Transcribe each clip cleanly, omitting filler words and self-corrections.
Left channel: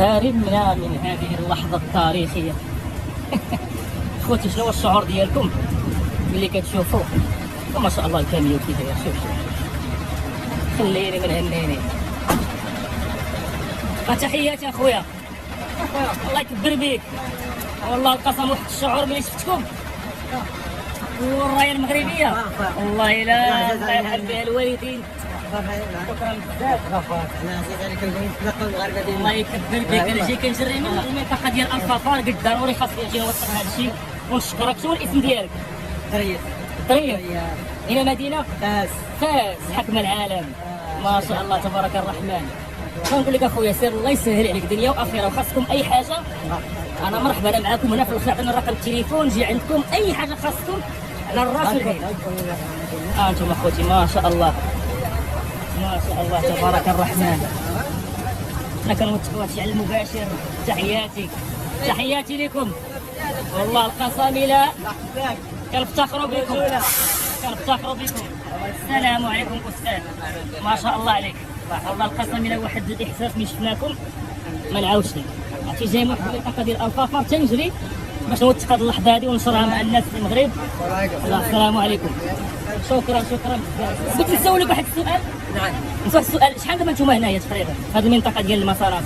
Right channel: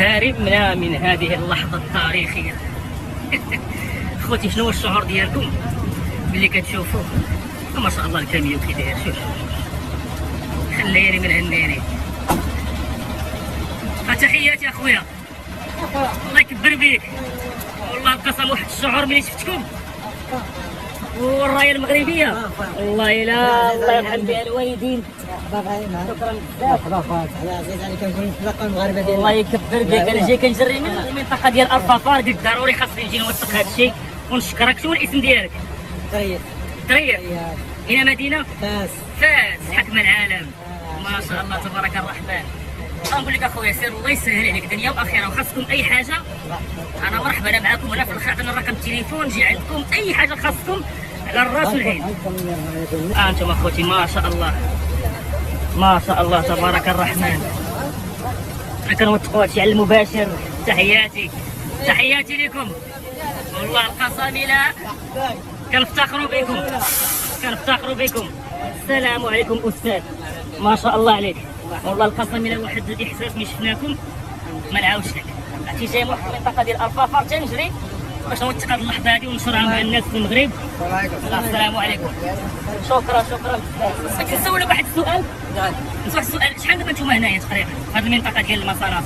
هاربنا من هذه اللحظة التاريخية. خوتي شنو هو الشعور ديالكم ملي كتشوفوا ما شاء الله الكاميو كي داير؟ شوف خليني من انني تحياتي اخويا، الله يكبر بيك والله القسم. واحد الشعور ملي شفتكم والرايه المغربيه والله الا الله يرحم بها الوالدين. شكرا بزاف الله يكبر بك. انا جاي كنجري من المنطقه ديال الفخار، قلت ضروري خاصني نجي نوثق هذا الشيء ونشكرك. شنو الاسم ديالك؟ طريف. هنا مدينه فاس حكم العالم ما شاء الله تبارك الرحمن. غنقول لك اخويا سير الله يسهل عليك دنيا واخره، وخاصكم اي حاجه انا مرحبا انا معاكم هنا في الاخر. عطينا الرقم التليفون نجي عندكم اي حاجه خاصكم على الراس والعين. انتم اخوتي ما شاء الله ما شاء الله تبارك الرحمن. انا كنوثقوا هادشي على المباشر. تحياتي لكم والله القسامله كنفتخروا بكم. السلام عليكم استاذ ما شاء الله عليك والله القسامله. واحد الاحساس ملي شفناكم ما نعاودش لك. عرفتي جاي من واحد المنطقه ديال الفخار تنجري باش نوثق هذه اللحظه هذه ونشرها مع الناس في المغرب. السلام عليكم. شكرا بزاف. بغيت نسولك واحد السؤال. واحد السؤال، شحال دابا نتوما هنايا تقريبا في هذه المنطقه ديال المصانع؟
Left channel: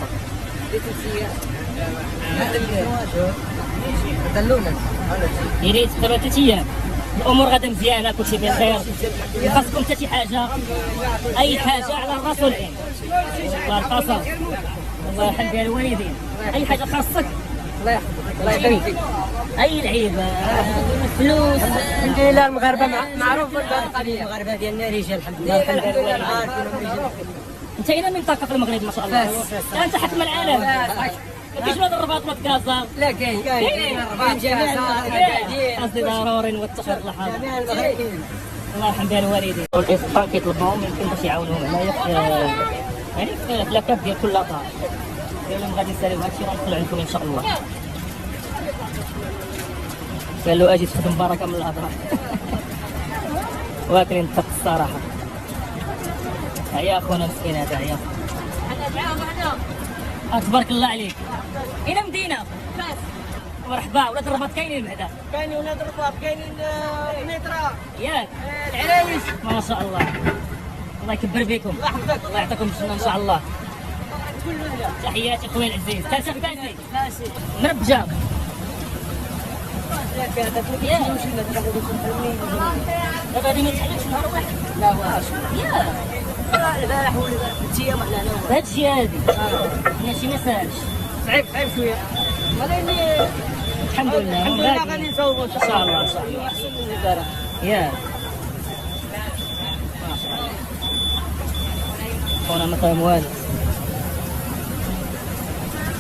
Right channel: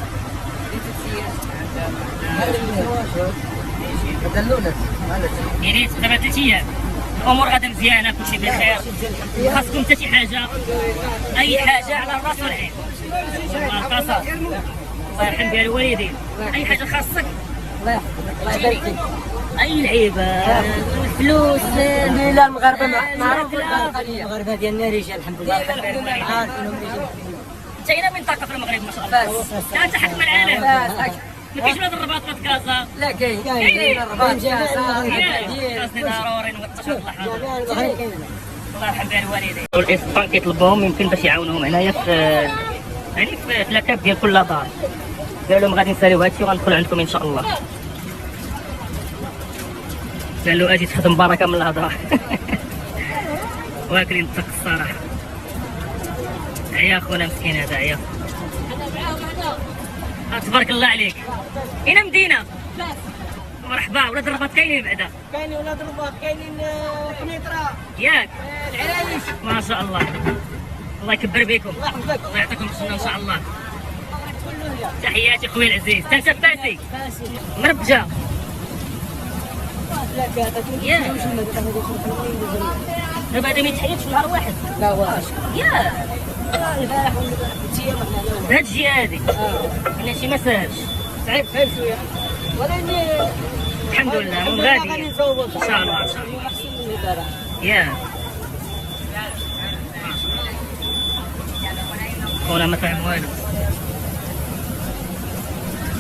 يعني دابا 3 ايام الامور غادا مزيانه كلشي بخير. خاصكم حتى شي حاجه اي حاجه على الراس والعين الله القصر الله يرحم بها الوالدين. اي حاجه خاصك الله يبارك فيك. اي لعيبه فلوس لا المغاربه معروف المغاربه ديالنا رجال الحمد لله. انت هنا منطقه في المغرب ما شاء الله. انت حكم العالم. ما كاينش هذا الرباط ما تكازا؟ لا كاين الرباط قصدي ضروري نوثق هذه اللحظه. الله يرحم بها الوالدين. الاسبان كيطلبوهم يمكن باش يعاونوهم هنايا في يعني في لاكاب ديال كل دار. قالوا لهم غادي نساليو هادشي وغندخلوا عندكم ان شاء الله. قالوا اجي تخدم بركه من الهضره. واكلين الطق الصراحه. عيا خونا مسكين هذا عيا. تبارك الله عليك. هنا مدينه مرحبا. ولاد الرباط كاينين بعدا؟ كاينين ولاد الرباط، كاينين قنيطره ياك العرايش ما شاء الله. الله يكبر بكم الله يعطيكم الجنه ان شاء الله. تحياتي خويا العزيز. انت فاسي مربجه ياك دابا هذا ما يتحيدش نهار واحد. لا واش ياك هادشي هادي ماشي ما ساهلش صعيب شويه ولكن الحمد لله غادي ان شاء الله ياك خونا ما فاهم والو.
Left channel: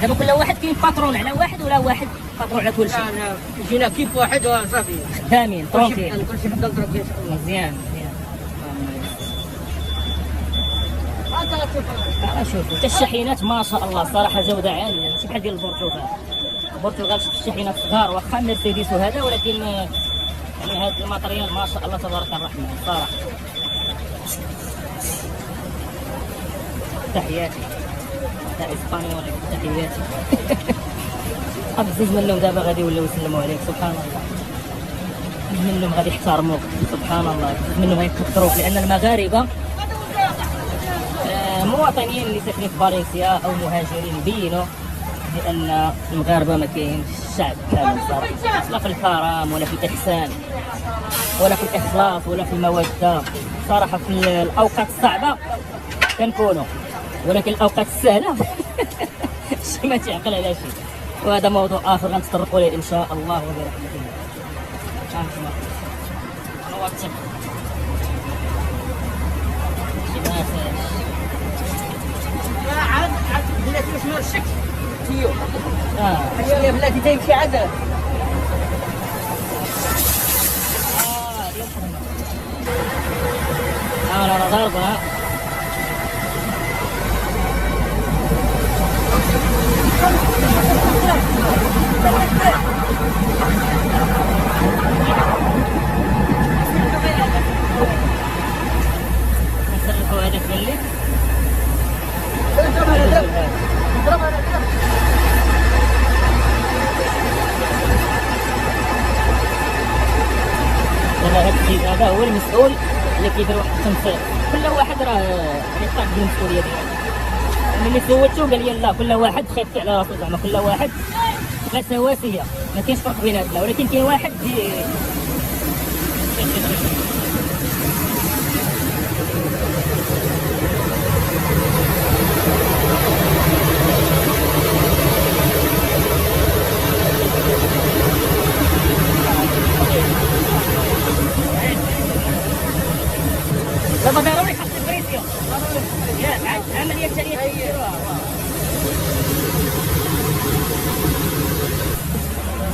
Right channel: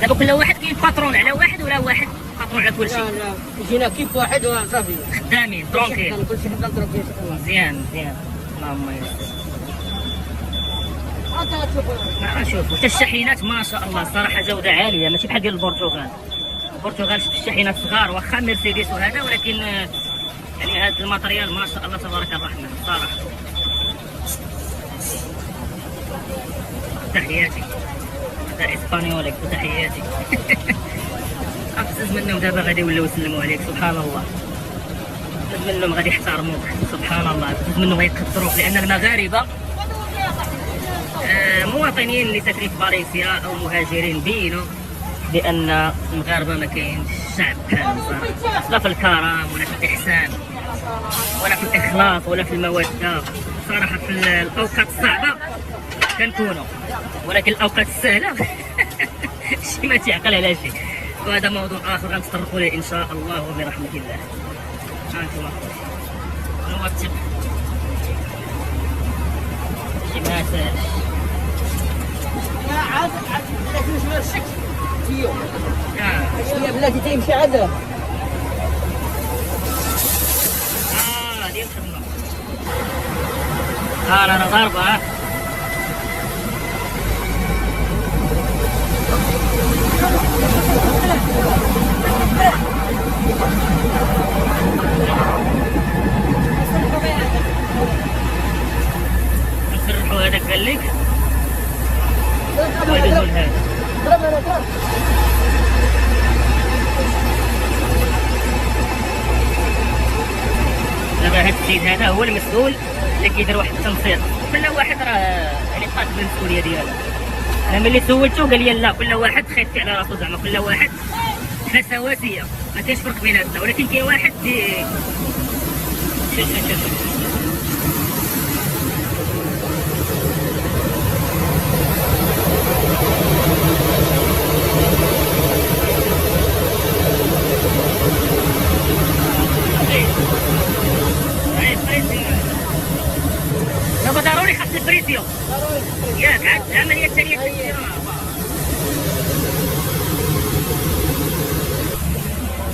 دابا كل واحد كاين باترون على واحد ولا واحد باترون على كل شيء؟ لا جينا كيف واحد وصافي خدامين ترونكيل. كلشي حبه ترونكيل. مزيان اللهم شوفوا حتى الشاحنات ما شاء الله صراحه جوده عاليه ماشي بحال ديال البرتغال شفت الشاحنات صغار واخا مرسيدس وهذا، ولكن يعني هذا الماتريال ما شاء الله تبارك الرحمن صراحه. تحياتي تاع اسبانيوليك وتحياتي. بزز منهم دابا غادي يوليو يسلموا عليك سبحان الله. بزز منهم غادي يحترموك سبحان الله. بزز منهم غيقدروك لان المغاربه مواطنين اللي ساكنين في فالنسيا او مهاجرين بينوا بان المغاربه ما كاينش الشعب بحالهم صراحه، لا في الكرم ولا في الاحسان ولا في الاخلاص ولا في الموده. صراحه في الاوقات الصعبه كنكونوا، ولكن الاوقات السهله شي ما تعقل على شيء. وهذا موضوع اخر غنتطرقوا ليه ان شاء الله وبرحمه الله. هانتوما نوثق شي باساش يا بلاتي تيمشي عذاب. ديال الخدمة. انا ضاربة نسرحوا هذاك قال لك. دابا هذا السيد هذا هو المسؤول اللي كيدير واحد التنسيق. كل واحد راه يعني قاد بالمسؤوليه ديالو. انا ملي سولته قال لي لا، كل واحد خايف على راسو، زعما كل واحد حنا سواسيه، ما كاينش فرق بيناتنا، ولكن كاين واحد ضروري خاص البريسيو ياك عاد العمليه التاليه تديروها.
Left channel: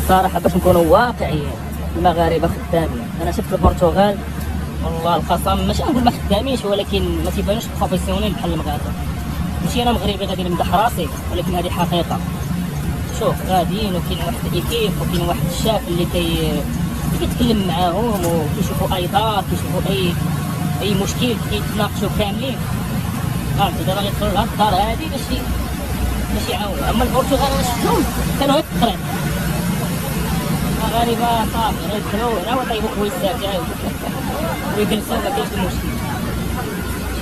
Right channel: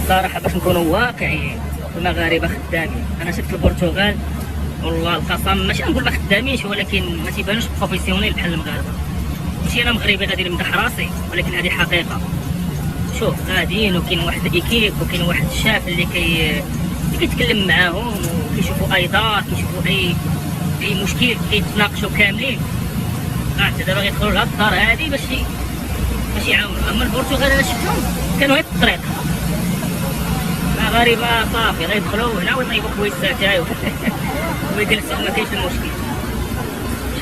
صراحه باش نكونوا واقعيين، المغاربه خدامين. انا شفت البرتغال والله القسم ماشي نقول ما خدامينش، ولكن ما تيبانوش بروفيسيونيل بحال المغاربه. ماشي انا مغربي غادي نمدح راسي، ولكن هذه حقيقه. شوف غاديين وكاين واحد الايكيب وكاين واحد الشاف اللي كيتكلم معاهم وكيشوفوا اي دار، كيشوفوا اي مشكل كيتناقشوا كاملين. انت دابا غيدخلوا لهاد الدار هادي باش يعاونوا. اما البرتغال انا شفتهم كانوا غير في الطريق، مغاربه صافي غيدخلوا هنا ويطيبوا كويسات ويجلسوا، ما كاينش المشكل.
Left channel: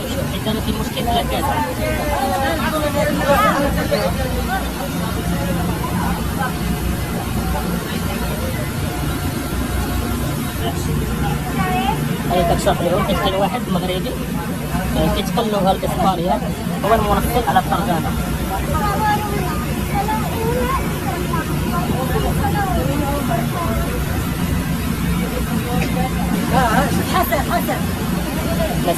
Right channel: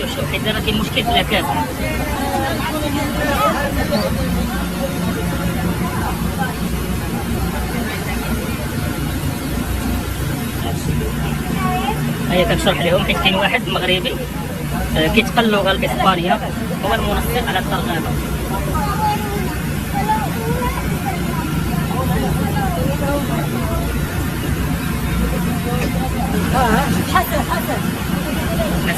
شوف حيت دابا كاين مشكل في لاكاز. هيا كنشرح لهم حيت كاين واحد مغربي كيتقن اللغه الاسبانيه، هو المنسق على الترجمه. حسن بس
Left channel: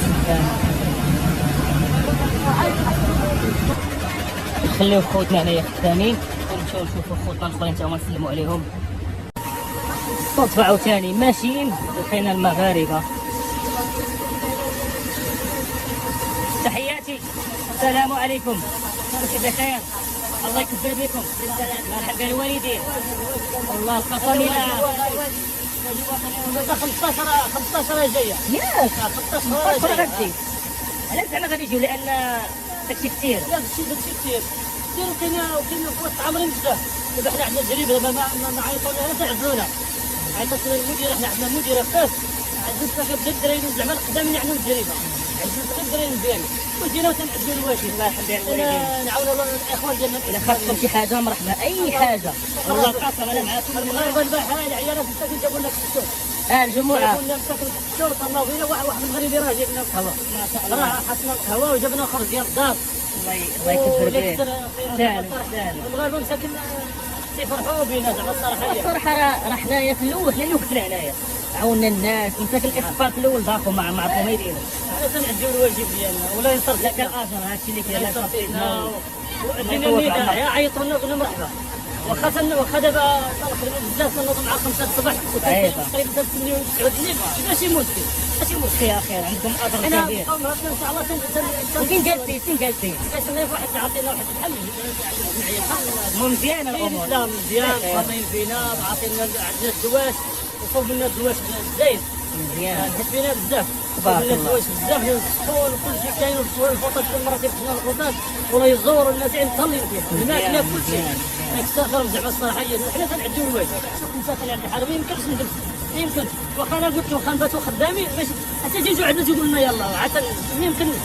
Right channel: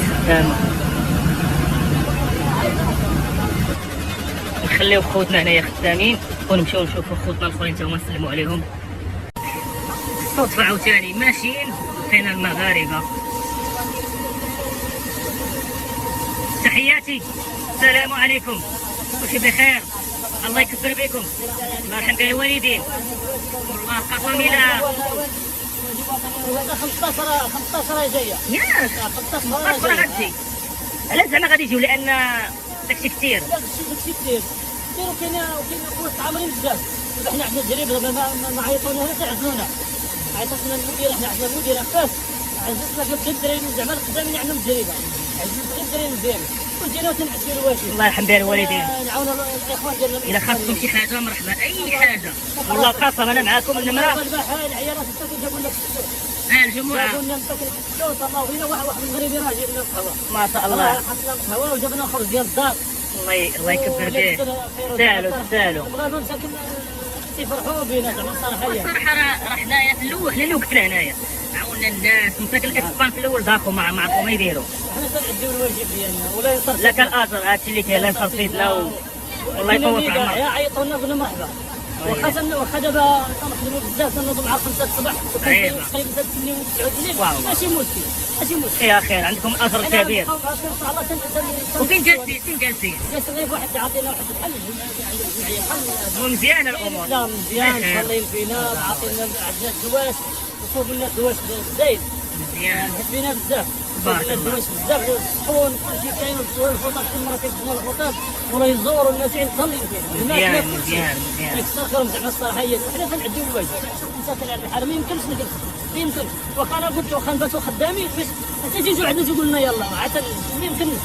نخليو خوتنا هنايا خدامين ونمشيو نشوفوا خوتنا الاخرين تا هما نسلموا عليهم. صدفة عاوتاني ماشيين لقينا المغاربة. تحياتي، السلام عليكم، كيف بخير؟ الله يكبر بكم، مرحبا بالوالدين. والله القسم الى 15 جايه. ياك 15 غتجي. علاش زعما غادي يجيو؟ لان داكشي كثير. لا داكشي كثير وكاين قوات عامرين بزاف. دابا حنا عندنا تجربه، دابا ما عيطونا حتى عزلونا. عيطتنا المديره حتى المديره فاش عزلتنا في الدراري زعما قدام نعملوا التجربه. عزلتنا الدراري مزيان وجينا تنعدلوا الواجب. الله يرحم بها الوالدين. نعاون الاخوان ديالنا. اذا خاصكم شي حاجه مرحبا، اي حاجه والله القسم انا معاكم. انما العيالات جابوا لنا في السوق. الجمعه الله فينا واحد المغربي راه جايب لنا القهوه ما شاء الله. حطنا القهوه وجبنا خبز ديال الدار. الله يكبر به. سالوا يفرحوا بينا زعما الصراحه راه حنايا في الاول حنا اللي وقفنا هنايا، عاوننا الناس. مساك الاسبان في الاول ضاقوا ما عرفوا ما يديروا. حنا تنعديو الواجب ديالنا ولا ينصرف. لا كان اجر هادشي اللي كاين، لا يصرفيتنا والله يطول في عمرك. عيطوا لنا قلنا مرحبا. واخا دابا طلقنا بزاف نوضوا مع 5 الصباح. صعيبه ماشي مشكل يا اخي، عندكم اثر كبير. وفين جالسين؟ جالسين واحد عطينا واحد الحل مزيانه الامور. لا مزيان فاضيين فينا، عاطينا عندنا الدواش وصوب لنا الدواش زايد مزيان، حبينا بزاف. بارك الله الدواش بزاف، الصحون كلشي كاين، الخطط كل مره كيدخلوا الخطط ولا يزوروا الناس متهلين فيه. هناك كلشي اكثر زعما الصراحه حنا تنعديو الواجب. المسافه عند الحرم يمكن واخا انا قلت واخا نباتوا خدامين باش حتى تيجوا عندنا تيقولوا لنا يلاه عاد ما يمكنش.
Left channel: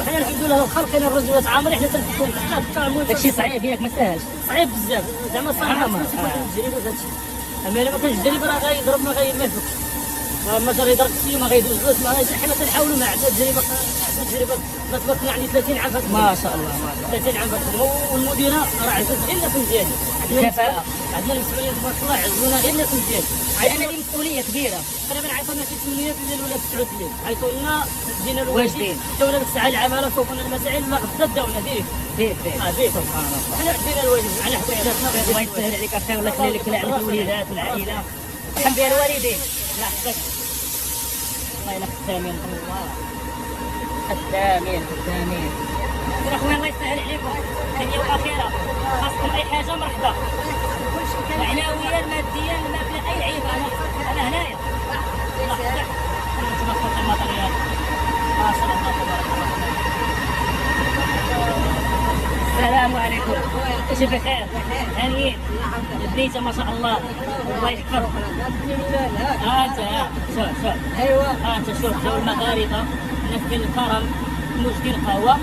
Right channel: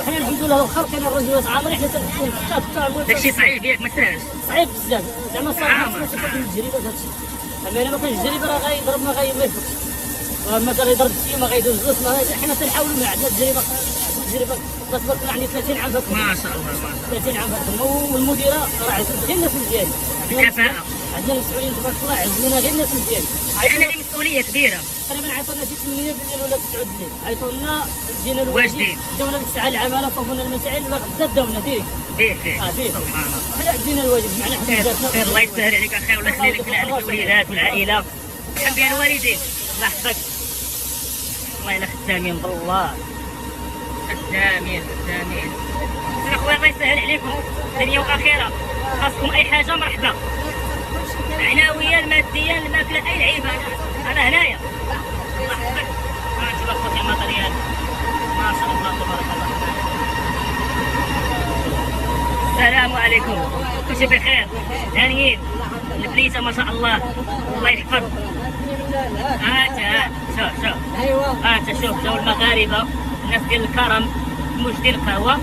وحنا الحمد لله واخا كاين الرجل عامرين حنا تنحكوا. داكشي صعيب ياك، ما ساهلش، صعيب بزاف زعما الصراحه. التجربه في هادشي، اما الا ما كانش التجربه راه غيضرب ما غيماكل، ومثلا يضرب فيه وما غيدوزوش. حنا تنحاولوا مع عندنا التجربه تبارك الله يعني 30 عام ما شاء الله 30 عام والمديره راه عزز غير الناس مزيان. الكفاءه عندنا المسؤولين تبارك الله عزونا غير الناس مزيان. لان هذه مسؤوليه كبيره. تقريبا عيطونا شي 8 بالليل ولا 9 بالليل، عيطوا لنا جينا واجدين، داونا ديك الساعه العماله فوقنا المسائل ما غدا داونا ديك سبحان الله. حنا دينا الواجب معنا حنا. الله يسهل عليك اخي، والله يخلي لك الوليدات والعائله. الحمد لله الوالدين الله يحفظك. وين خدامين بالله، خدامين اخويا الله يسهل عليكم. دنيا واخره خاصكم اي حاجه مرحبا. العناويه الماديه الماكله اي لعيبه انا هنايا. الله يحفظك. نشوف اخوتي المطريات ما شاء الله تبارك الله. السلام عليكم. كل شيء بخير. هانيين البنيته ما شاء الله، الله يحفظ. شوف ايوه انت شوف جو المغاربه، الناس ديال الكرم، مش ديال القهوه،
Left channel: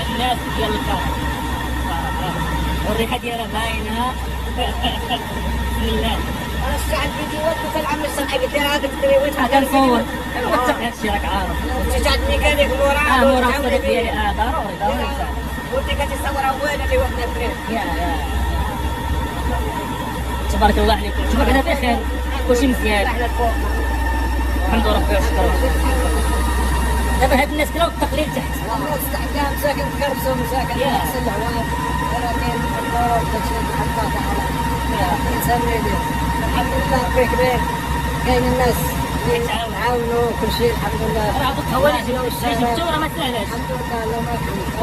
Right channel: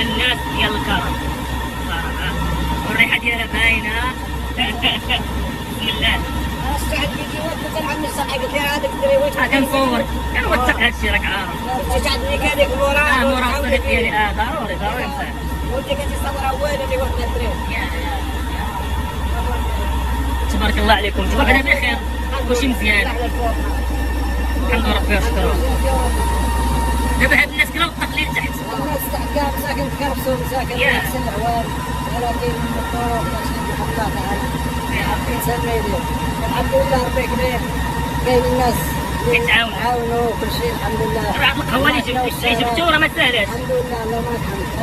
الناس ديال الكرم. والريحه ديالها باينه. بسم الله. الساعه فيديوهات مثل عم الصنعه قلت لي عاد تدري كنصور كنوثق هادشي راك عارف. شاتني كان يقول وراه وراه الصورة ديالي ضروري. وانت كتصور اول اللي وقت التريد. تبارك الله عليكم، انتم بعدا بخير، كلشي مزيان الحمد لله ربي شكرا. دابا هاد الناس كلاو التقليد تحت. استحكام ساكن في كربسون ساكن في نفس العوام، ولكن الدور الحمد لله تعالى الانسان نادر. الحمد لله ربي كبير، كاين الناس يتعاونوا وكل شيء الحمد لله. راه هاد القهوه اللي جبتو راه ما ساهلاش. الحمد لله اللهم لك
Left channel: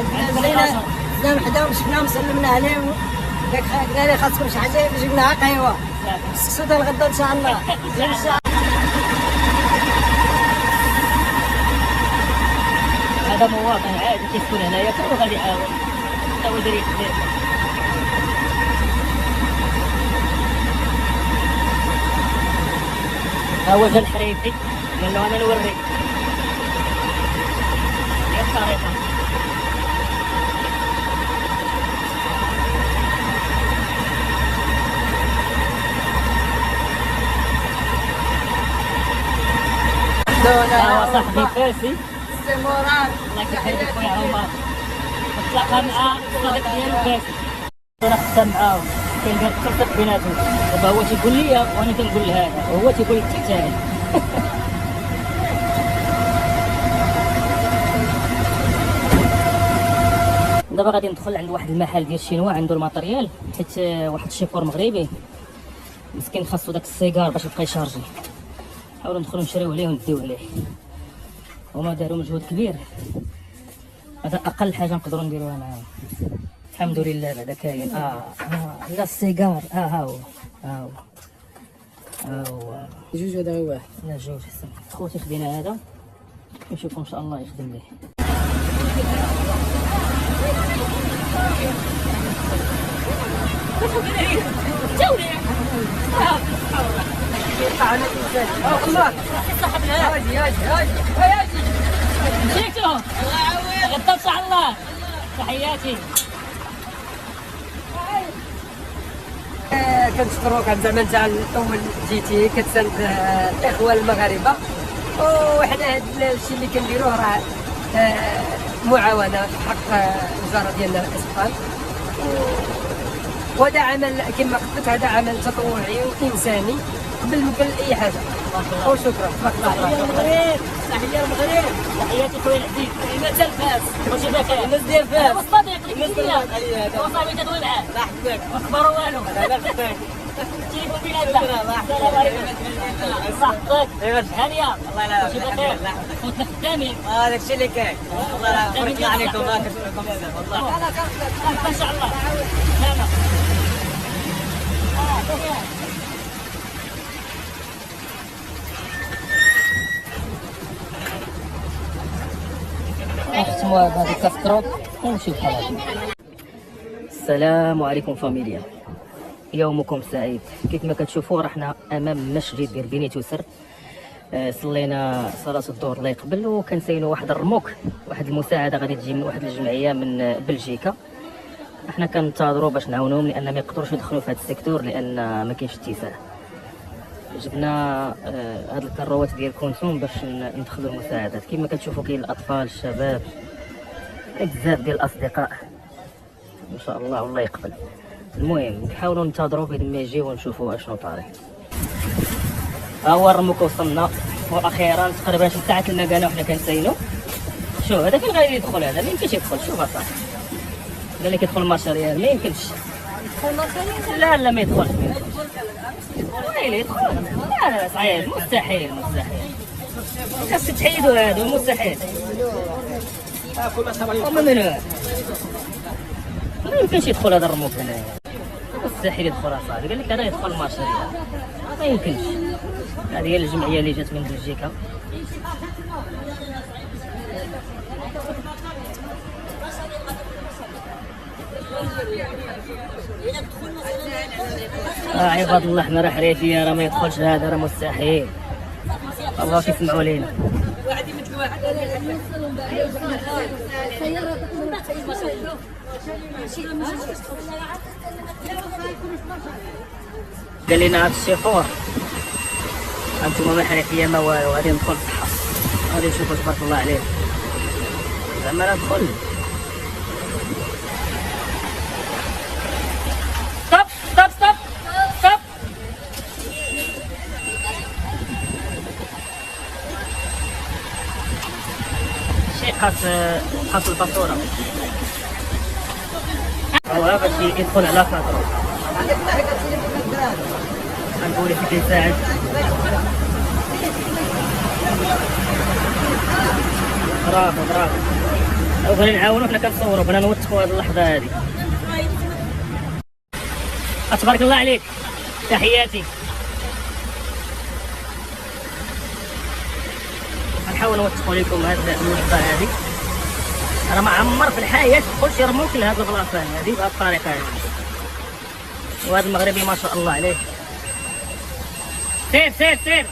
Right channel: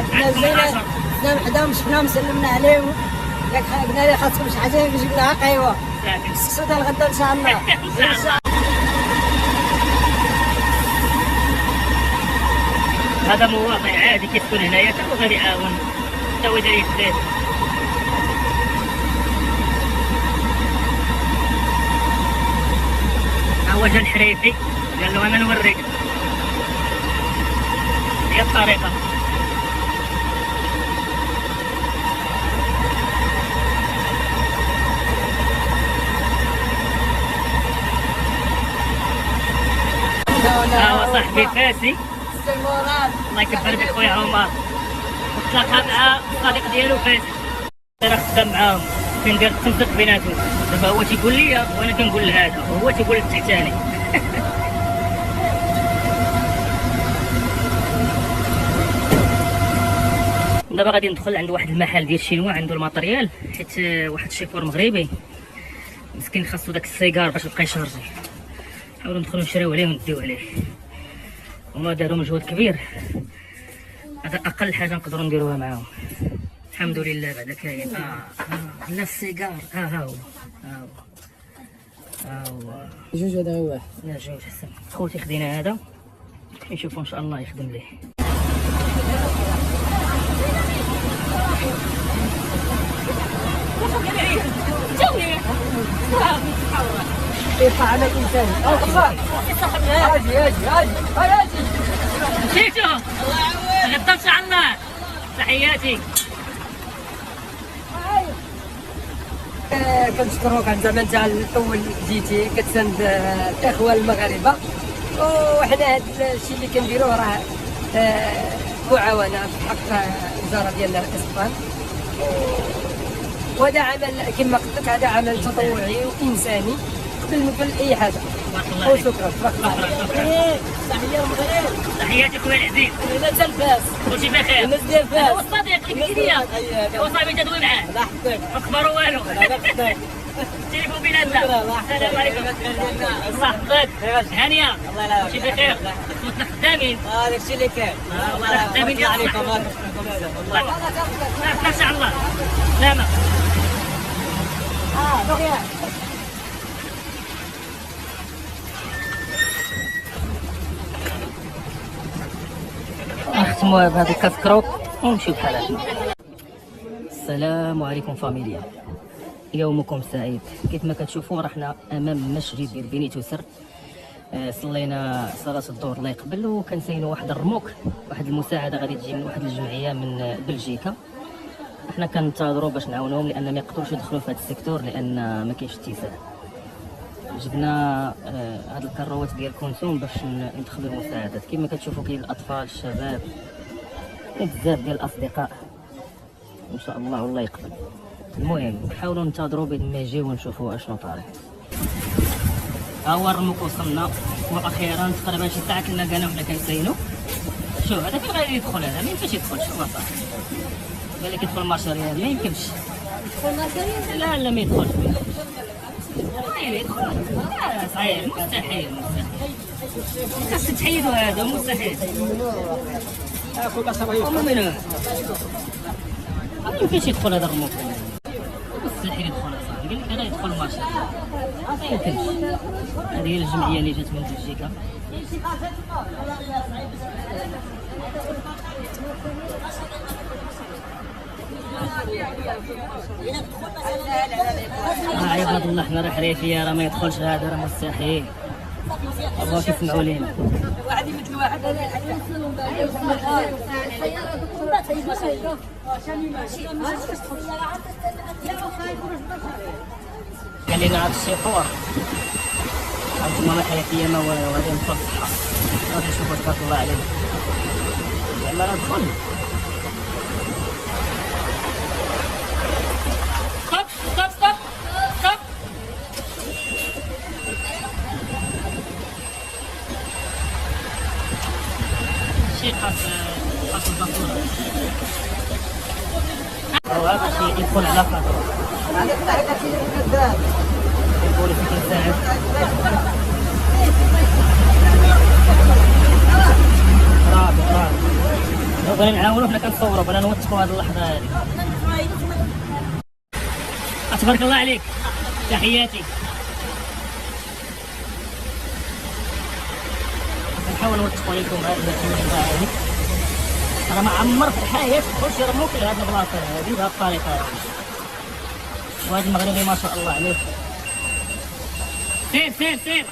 الحمد. حداهم شفناهم سلمنا عليهم، قلنا لي خاصكم شي حاجه جبنا لها قهوه. السكسو ديال غدا ان شاء الله. ان شاء الله. هذا مواطن عادي كيسكن هنايا حتى هو غادي يعاون، حتى هو داير يدير. ها هو جا الحريفي قال له انا نوريك. هي الطريقه. ها هو صاحبي فاسي، الله يكبر بك خويا عمر، وتلاقى مع الصديق ديالو فاسي، راه خدام معاهم، كندير التنسيق بيناتهم. دابا هو تيقول لي وانا كنقول لهذا، وهو تيقول للتحتاني. دابا غادي ندخل عند واحد المحل ديال الشينوا عنده الماتريال، حيت واحد الشيفور مغربي مسكين خاصو داك السيجار باش يبقى يشارجي. نحاولوا ندخلوا نشريو عليه ونديو عليه، هما داروا مجهود كبير، هذا اقل حاجه نقدروا نديروها معاهم. الحمد لله بعدا كاين لا السيجار ها هو جوج هذا هو واحد. لا جوج حسن. خوتي خدينا هذا، نشوفوا ان شاء الله يخدم ليه. على الانسان الله هاجي مشيتو غدا ان شاء الله. تحياتي. كنشكروك على زعما انت الاول جيتي كتساند الاخوه المغاربه، وحنا هذا الشيء اللي كنديروه راه معاونه بحق الوزاره ديالنا الاسبان، وهذا عمل كما قلت هذا عمل تطوعي وانساني قبل ما كان اي حاجه. وشكرا. تحياتي خويا العزيز. كلمات الفاس كلشي بخير. الناس ديال فاس. هو الصديق اللي قلت لي هو صاحبي تدوي معاه. الله يحفظك. ما اخبارو والو. التليفون بيناتنا. السلام عليكم. الله يحفظك. هانيه. كلشي بخير. خوتنا خدامين. هذا الشيء اللي كاين. خدامين ديال عليكم. ان شاء الله. سلامة. نختموا بهذا الكاسكروك ونمشيو بحالاتنا. السلام عليكم فاميليا، يومكم سعيد. كيف ما كتشوفوا رحنا امام المسجد ديال بني توسر، صلينا صلاه الظهر الله يقبل، وكنساينوا واحد الرموك، واحد المساعده غادي تجي من واحد الجمعيه من بلجيكا. حنا كننتظروا باش نعاونوهم لان ما يقدروش يدخلوا في هذا السيكتور لان ما كاينش اتساع. جبنا هاد الكروات ديال كونسوم باش ندخلوا المساعدات. كما كتشوفوا كاين الاطفال الشباب، كاين بزاف ديال الاصدقاء ان شاء الله والله يقبل. المهم نحاولوا ننتظروا بين ما يجيو ونشوفوا اشنو طاري. ها هو الرموك وصلنا، واخيرا تقريبا 6 ساعات لنا كانوا حنا كنساينو. شوف هذا فين غادي يدخل؟ هذا ما يمكنش يدخل. شوف اصاحبي قال لك يدخل المشاريع، ما يمكنش. لا ما يدخلش. يدخل؟ لا صعيب، مستحيل. خاصك تحيدوا هذا، مستحيل. ومن ما يمكنش يدخل هذا الرموك هنا، مستحيل يدخل اصاحبي. قال لك هذا يدخل المشاريع، ما يمكنش. هذه هي الجمعيه اللي جات من بلجيكا. عباد الله حنا راه حريفيه، راه ما يدخلش هذا، راه مستحيل. الله كيسمعوا لينا. قال لنا هذا الشيفور انتم ما حريفيه ما والو، غادي ندخل الصحه، غادي نشوفوا تبارك الله عليه. زعما ندخل. ستوب ستوب ستوب ستوب. شي قاس الفاتوره هو باش يدخل على خاطر. نقول فيك يساعد. راه بغينا نعاونو، حنا كنصورو، بغينا نوثقو هاد اللحظه هادي. تبارك الله عليك، تحياتي. غنحاول نوثقو لكم هاد اللحظه هادي. راه ما عمر في الحياه دخل شي رموك لهاد البلاصه هادي بهاد الطريقه هادي. وهذا المغربي ما شاء الله عليه. سير سير سير،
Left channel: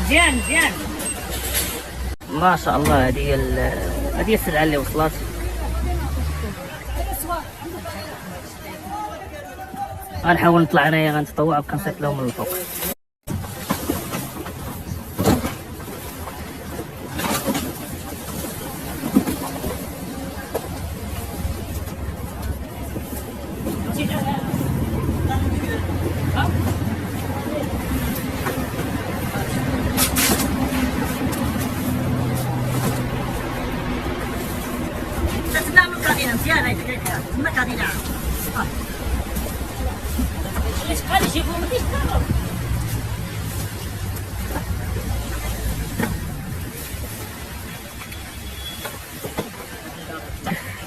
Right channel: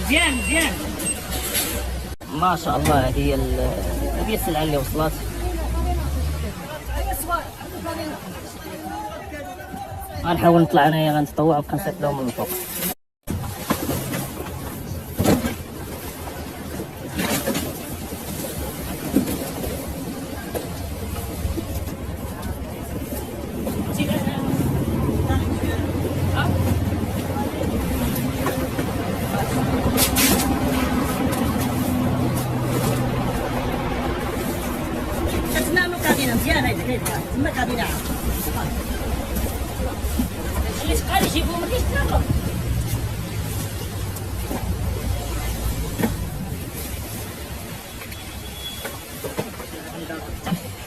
مزيان مزيان ما شاء الله. هذه هي السلعه اللي وصلت. غنحاول نطلع انايا، غنتطوع وكنصيفط لهم من الفوق.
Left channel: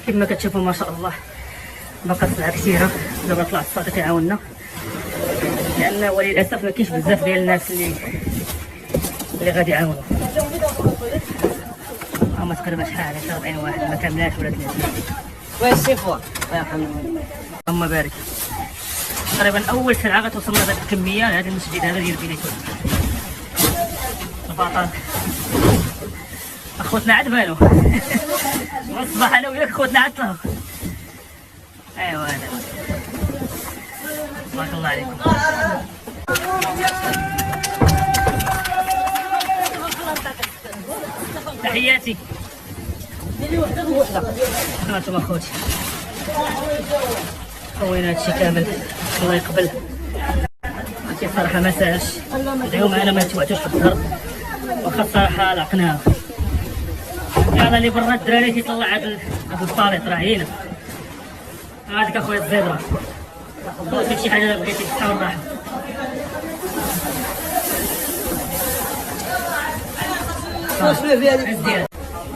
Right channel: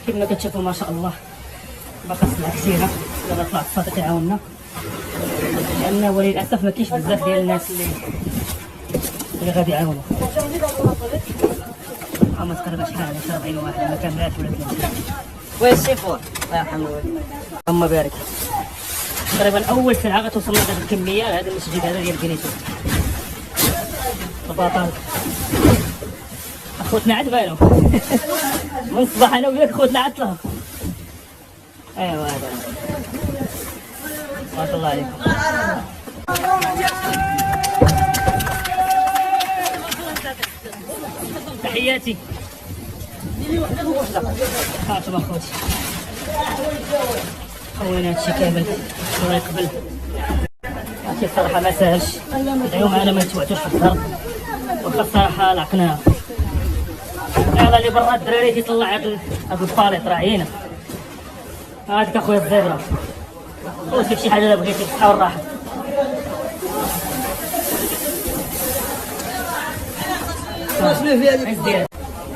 كما كتشوفوا ما شاء الله باقا السلعه كثيره. دابا طلع الصادق يعاوننا، لان وللاسف ما كاينش بزاف ديال الناس اللي غادي يعاونوا. هما تقريبا شحال 40 واحد ما كاملاش ولا 30. وين الشيفور الله يرحمه اللهم بارك. تقريبا اول سلعه غتوصل لنا هذه الكميه لهذا المسجد هذا ديال بنيتو البطل. اخوتنا عاد بالو من الصباح انا وياك خوتنا عاد طلعوا. ايوا هذا تبارك الله عليكم. تحياتي. هانتوما اخوتي، وين هادشي كامل الله يقبل. هادشي الصراحه ما ساهلش، اليوم انا ما نتوعتوش في الضرب، واخا الصراحه لقناها. يلا اللي برا الدراري كيطلع هاد الباليط راه هنا. هذيك اخويا الزبره، قول فيك شي حاجه الا بغيتي بالصحه والراحه.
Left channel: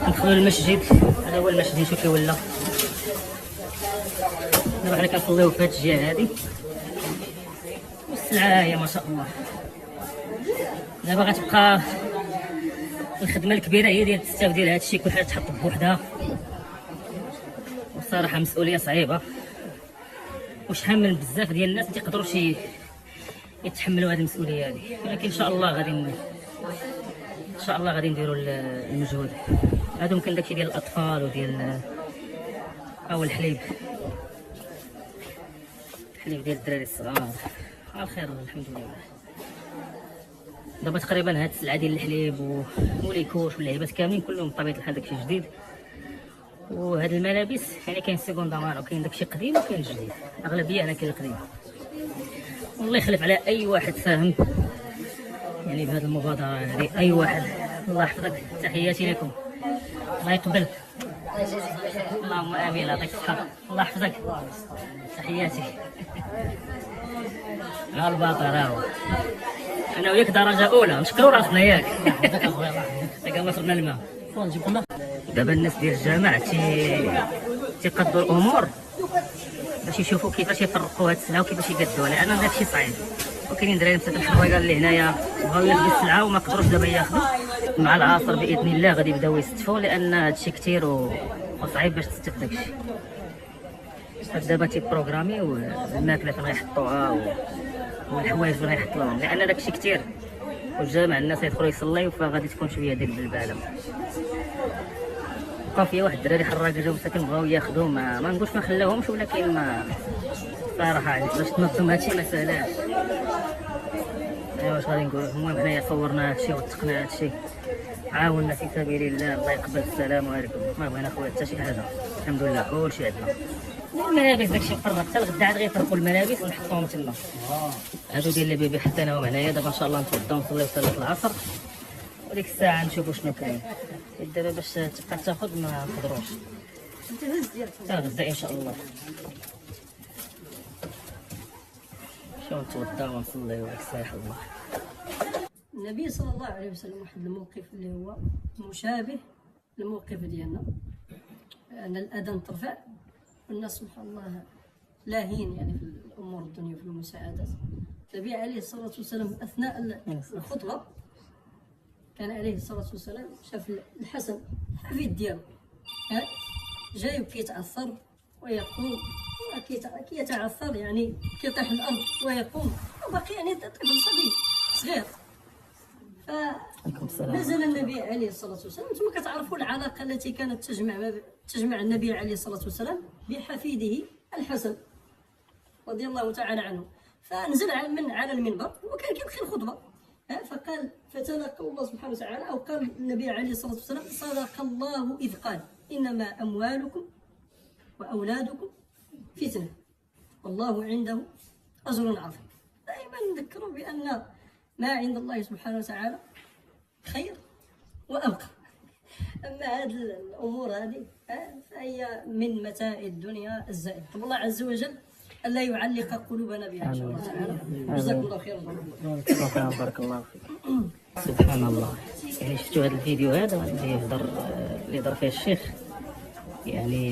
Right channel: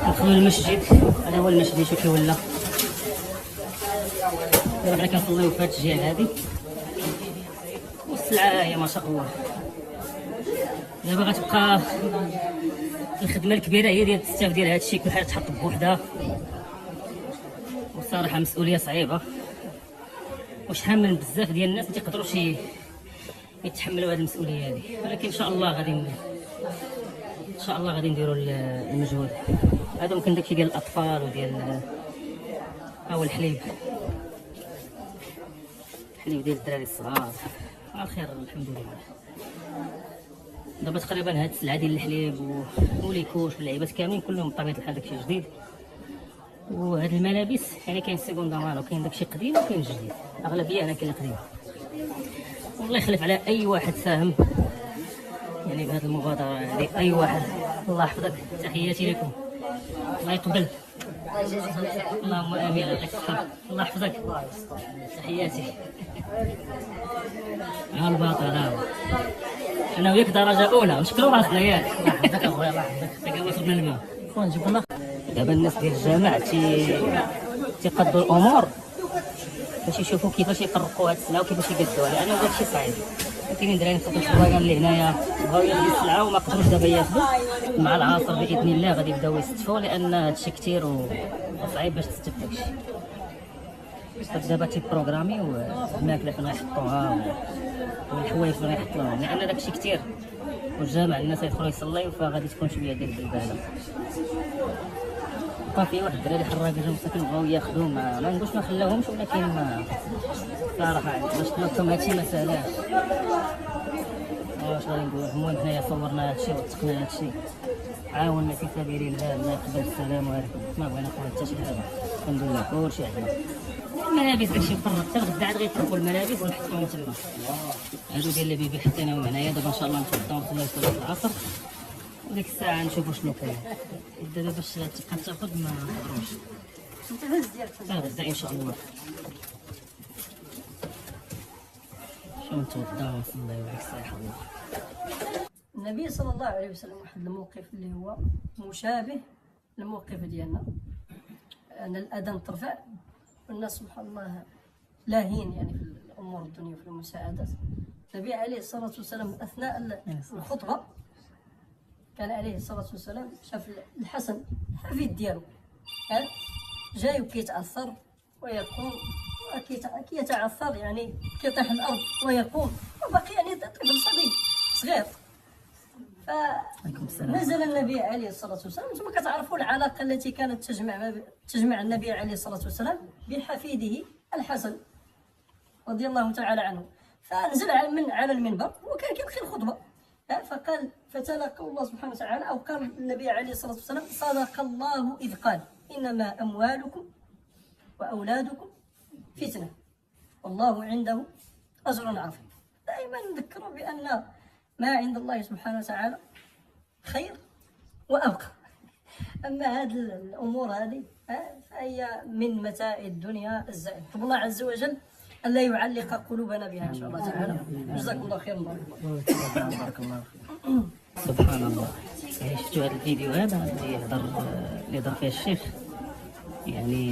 ندخلوا للمسجد، هذا هو المسجد شوف كي ولا. دابا حنا كنصليو في هاد الجهه هادي، والسلعه هي ما شاء الله. دابا غتبقى الخدمه الكبيره هي ديال التستاف ديال هادشي، كل حاجه تحط بوحدها. والصراحه مسؤوليه صعيبه، وشحال من بزاف ديال الناس ما تيقدروش يتحملوا هذه المسؤوليه هذه، ولكن ان شاء الله غادي نديروا المجهود. هذا ممكن داكشي ديال الاطفال وديال هو الحليب ديال الدراري الصغار على خير الحمد لله. دابا تقريبا هاد السلعه ديال الحليب وليكوش واللعيبات كاملين كلهم بطبيعه الحال داكشي جديد. وهاد الملابس يعني كاين سيكوندا مانو، كاين داكشي قديم وكاين جديد، اغلبيه انا كاين القديم. والله يخلف على اي واحد فاهم يعني بهذه المبادره هذه، اي واحد. الله يحفظك، تحياتي لكم، الله يقبل. اللهم امين، يعطيك الصحه، الله يحفظك، تحياتي. ها الباطل هاو انا وياك درجه اولى، نشكروا راسنا ياك. ما شربنا الماء. دابا الناس ديال الجامع تيقدوا الامور باش يشوفوا كيفاش يفرقوا هاد السلعه وكيفاش يقدوها، لان داكشي صعيب. وكاينين دراري مساكن الصغيره اللي هنايا بغاو ياخذوا السلعه وما قدروش دابا ياخذوا. مع العصر باذن الله غادي يبداو يستفوا، لان هادشي كثير وصعيب باش تستف داكشي. دابا تيبروغراميو الماكله فين غيحطوها والحوايج فين غيحطوهم، لان داكشي كثير والجامع الناس يدخلوا يصليو، فغادي تكون شويه ديك البلباله. بقى فيها واحد الدراري حراك جاو ساكن بغاو ياخذوه، ما نقولش ما خلاوهمش، ولكن ما صراحه عليك باش تنظم هادشي ما ساهلاش. ايوا واش غادي نقول لكم، المهم حنايا صورنا هادشي وثقنا هادشي، عاوننا في سبيل الله، الله يقبل. السلام عليكم. ما بغينا خويا حتى شي حاجه، الحمد لله كلشي عندنا. الملابس داكشي مفرط، حتى الغدا عاد غيفرقوا الملابس ونحطوهم تما. هادو ديال البيبي حطيناهم هنايا، دابا ان شاء الله نتغداو ونصليو صلاه العصر، وديك الساعه نشوفوا شنو كاين. دابا باش تبقى تاخذ ما نقدروش، غدا ان شاء الله شنو نتغداو ونصليو ديك الساعه الله. النبي صلى الله عليه وسلم واحد الموقف اللي هو مشابه للموقف ديالنا، ان الاذان ترفع والناس سبحان الله لاهين يعني في الامور الدنيا في المساعدات. النبي عليه الصلاه والسلام اثناء الخطبه كان عليه الصلاه والسلام شاف الحسن حفيد ديالو جاي وكيتعثر ويقوم، كيتعثر يعني كيطيح الارض ويقوم، وباقي يعني طفل صغير. فنزل النبي عليه الصلاة والسلام. ثم كتعرفوا العلاقة التي كانت تجمع النبي عليه الصلاة والسلام بحفيده الحسن رضي الله تعالى عنه. فنزل على المنبر وكان كيلقي الخطبة، فقال فتلا قول الله سبحانه وتعالى، أو قال النبي عليه الصلاة والسلام: صدق الله إذ قال إنما أموالكم وأولادكم فتنة والله عنده أجر عظيم. دائما نذكروا بأن ما عند الله سبحانه وتعالى خير وأبقى. أما هذه الأمور هذه فهي من متاع الدنيا الزائد. طب الله عز وجل ألا يعلق قلوبنا بها إن شاء الله تعالى. جزاكم الله خير. بارك الله فيك. سبحان الله. يعني شفتوا هذا الفيديو هذا اللي يهضر فيه الشيخ، يعني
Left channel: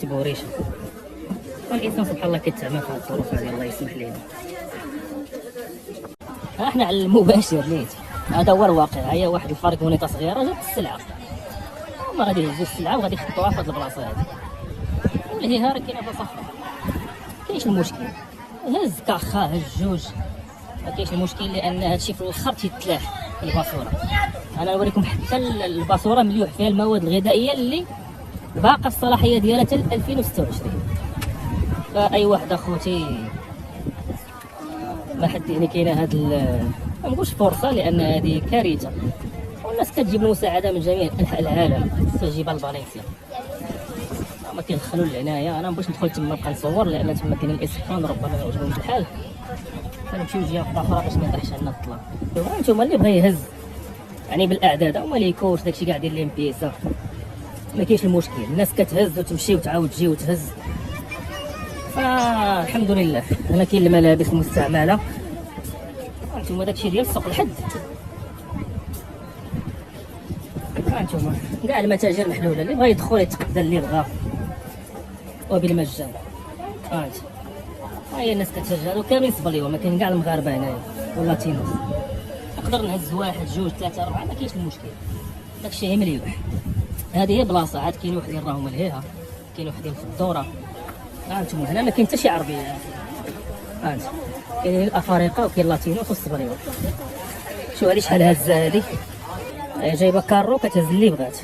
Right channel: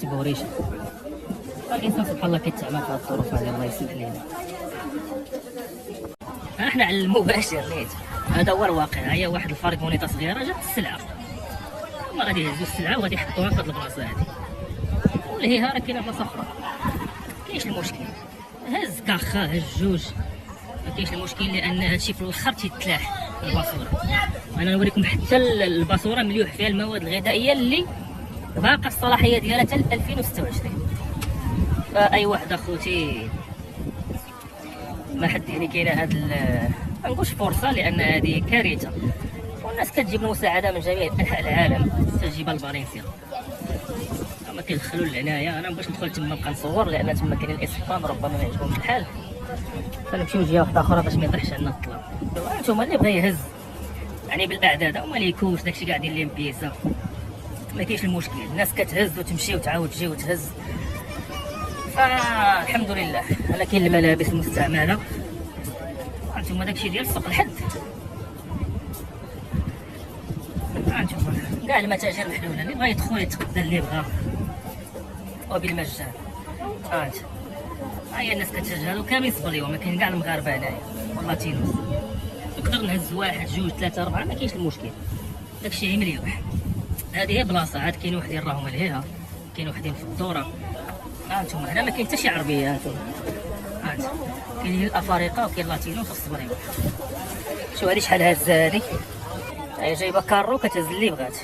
تبوريش الانسان سبحان الله كيتعامل في هذا الظروف هذه، الله يسمح ليه. احنا على المباشر نيت، هذا هو الواقع. هي واحد الفرق ونيطه صغيره جات السلعه، ما غادي يهزوا السلعه وغادي يحطوها في هذه البلاصه هذه، ولا هي راه كاينه بلاصه اخرى. كاينش المشكل، هز كاخا هز جوج، ما كاينش المشكل، لان هادشي في الاخر تيتلاح الباسوره. انا نوريكم حتى الباسوره مليوح فيها المواد الغذائيه اللي باقا الصلاحيه ديالها حتى 2026. فاي واحد اخوتي ما حد يعني كاينه هاد ما نقولش فرصه، لان هذه كارثه، والناس كتجيب المساعده من جميع انحاء العالم، تجيبها لفالنسيا ما كيدخلوا لهنايا. انا مبغيتش ندخل تما نبقى نصور، لان تما كاين الاسبان ربما ما يعجبهمش الحال، فنمشيو لجهه اخرى باش ما يطيحش عندنا الظلام. انتم اللي بغى يهز يعني بالاعداد هما اللي يكوش داكشي كاع ديال الامبيسا، ما كاينش المشكل، الناس كتهز وتمشي وتعاود تجي وتهز. فالحمد لله. انا كاين الملابس المستعمله، هانتوما داكشي ديال سوق الحد، هانتوما كاع المتاجر محلوله، اللي بغى يدخل يتقدى اللي بغى وبالمجان. ها هي الناس كتهجر وكامل يصبريو، ما كاين كاع المغاربه هنايا والله تينوس، نقدر نهز واحد جوج ثلاثه اربعه، ما كاينش المشكل، داكشي مليح. هذه هي بلاصه، عاد كاين وحدين راهم لهيها، كاين وحدين في الدوره. هانتوما هنا ما كاين حتى شي عربيه، هانتوما كاينين الافارقه وكاين اللاتينو والصبريو. شو هذه شحال هازه هذه، جايبه كارو كتهز اللي بغات.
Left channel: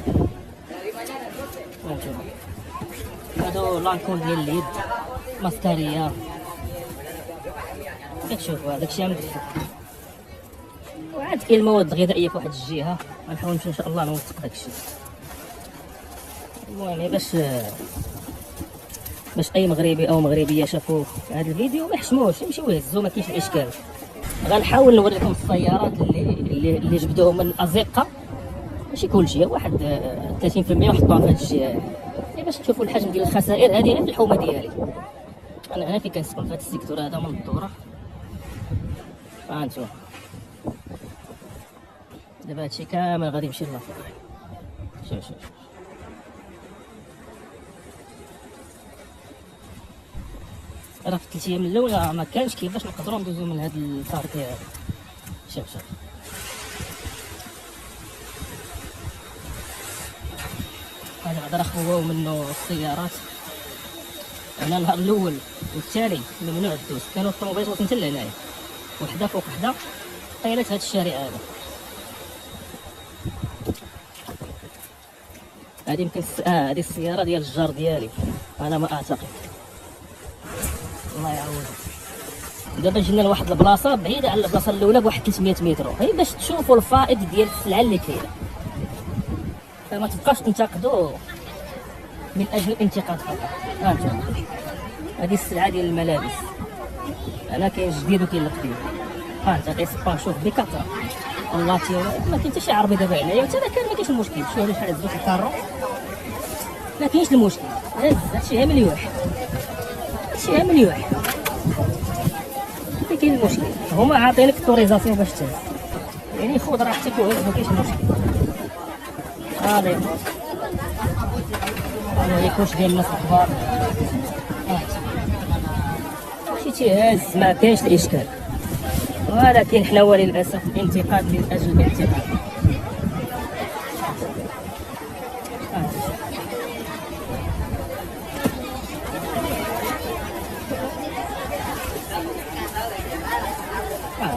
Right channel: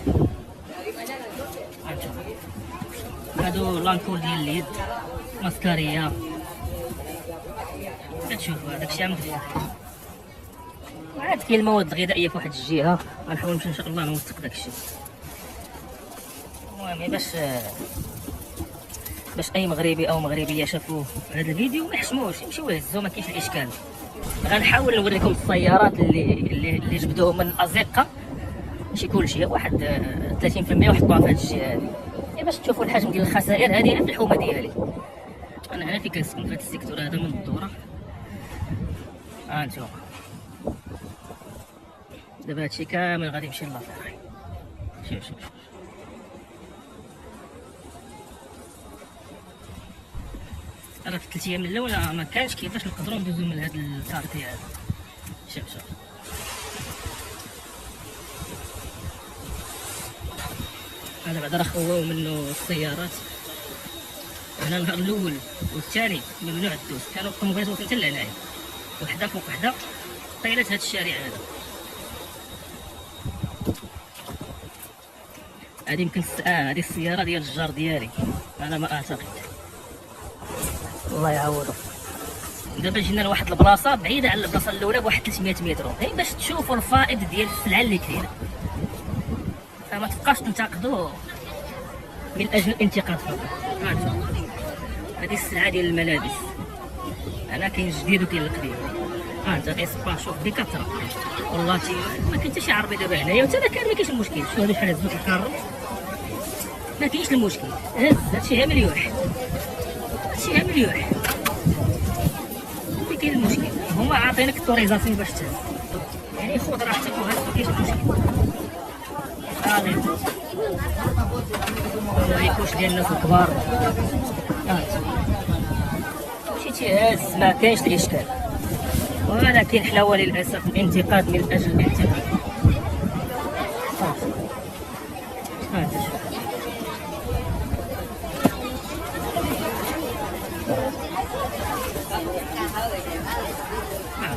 هادو لانكول ديال اليد، ماسكاريا، كتشوفوا داكشي مدفع. عاد كاين المواد الغذائيه في واحد الجهه، غنحاول نمشي ان شاء الله نوثق داكشي. المهم باش اي مغربي او مغربيه شافوا هذا الفيديو ما يحشموش، يمشيو يهزوا، ما كاينش الاشكال. غنحاول نوريكم السيارات اللي جبدوهم من الازقه، ماشي كلشي، واحد 30% وحطوها في هذه الجهه هذه، باش تشوفوا الحجم ديال الخسائر. هذه في الحومه ديالي، انا هنا في كنسكن في هذا السيكتور هذا من الدوره. هانتوما دابا هادشي كامل غادي يمشي للطريق. شوف راه في 3 ايام الاولى ما كانش كيفاش نقدروا ندوزو من هذا الكارتي هذا. شوف هذا بعدا راه خواو منه السيارات، انا النهار الاول والثاني ممنوع الدوز، كانوا الطوموبيلات وصلت حتى لهنايا وحده فوق وحده طيلات هذا الشارع هذا. هذه يمكن هذه السياره ديال الجار ديالي انا ما اعتقد، الله يعوضه. دابا جينا لواحد البلاصه بعيده على البلاصه الاولى بواحد 300 متر، هي باش تشوفوا الفائض ديال السلعه اللي كاينه، فما تبقاش تنتقدوا من اجل الانتقاد فقط. هانتوما هذه السلعه ديال الملابس، انا كاين جديد وكاين القديم. انت غيصبا شوف بكثره والله ما كاين حتى شي عربي دابا هنايا، وحتى انا كان ما كاينش المشكل. شوف شحال هز الكارو ما كاينش المشكل، هز هادشي ها مليوح، هادشي ها مليوح، ما كاين المشكل. هما عاطينك التوريزاسيون باش تهز، يعني خذ راحتك وهز ما كاينش المشكل. هذه الكوش ديال الناس الكبار ماشي تيهز ما كاينش الاشكال، ولكن حنا وللاسف الانتقاد من اجل الانتقاد.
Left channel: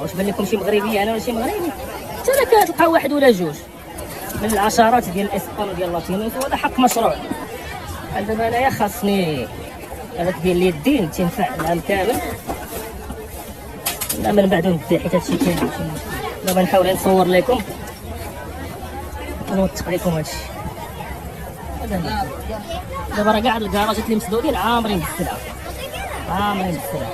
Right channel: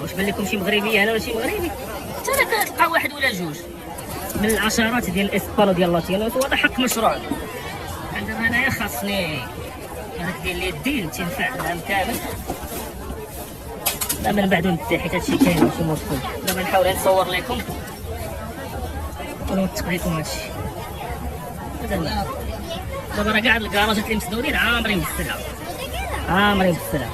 واش بان لكم شي مغربي انا ولا شي مغربي؟ حتى انا كتلقى واحد ولا جوج من العشرات ديال الاسبان وديال اللاتينوس، وهذا حق مشروع. دابا انايا خاصني هذاك ديال اليدين تينفع العام كامل، لا من بعد نبدا حيت هادشي كاين ماشي مشكل. دابا نحاول نصور لكم ونوثق لكم هادشي. دابا راه كاع الكراجات اللي مسدودين عامرين بالسلعه، عامرين بالسلعه.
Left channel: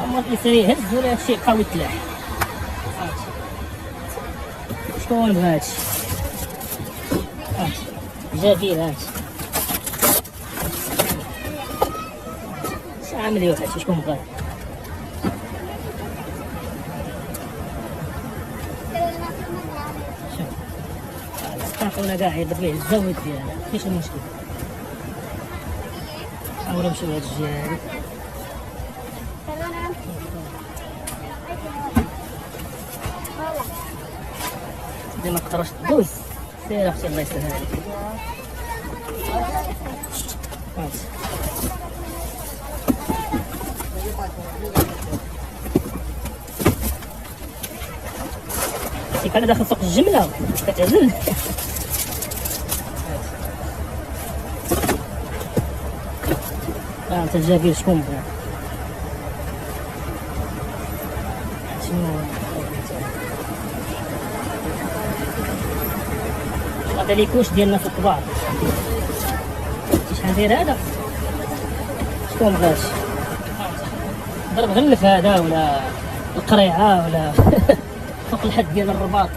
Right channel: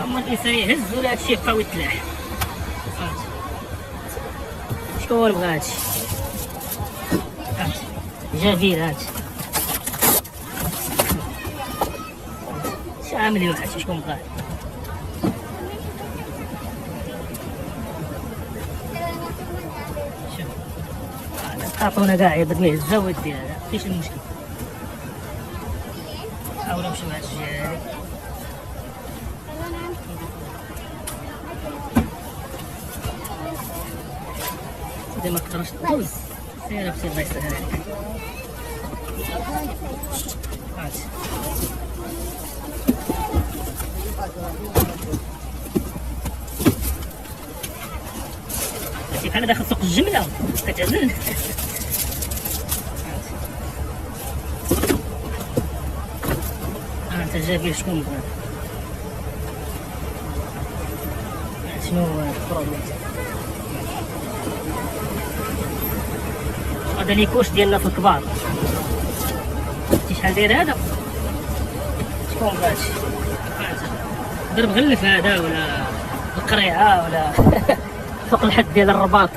هما الانسان يهز ولا هادشي يبقى يتلاح. شكون بغا هادشي؟ جميل هادشي عامل يوحش. شكون بغاه؟ شوف تعطونا كاع يضرب ليه الزاوية ديالها، ماشي المشكل. حاولوا نمشيو هاد الجهة هادي، ما تقدرش تدوز. سير اختي الله يسهل عليك. بحال داخل سوق الجمله كتعزل. انت جابير شكون بغا؟ شنو البروبليم؟ هذا لي كوش ديال الناس الكبار. شحال داير هذا؟ شكون بغا هادشي؟ ضرب غلف هذا ولا القريعه ولا فوق الحد ديال الرباط.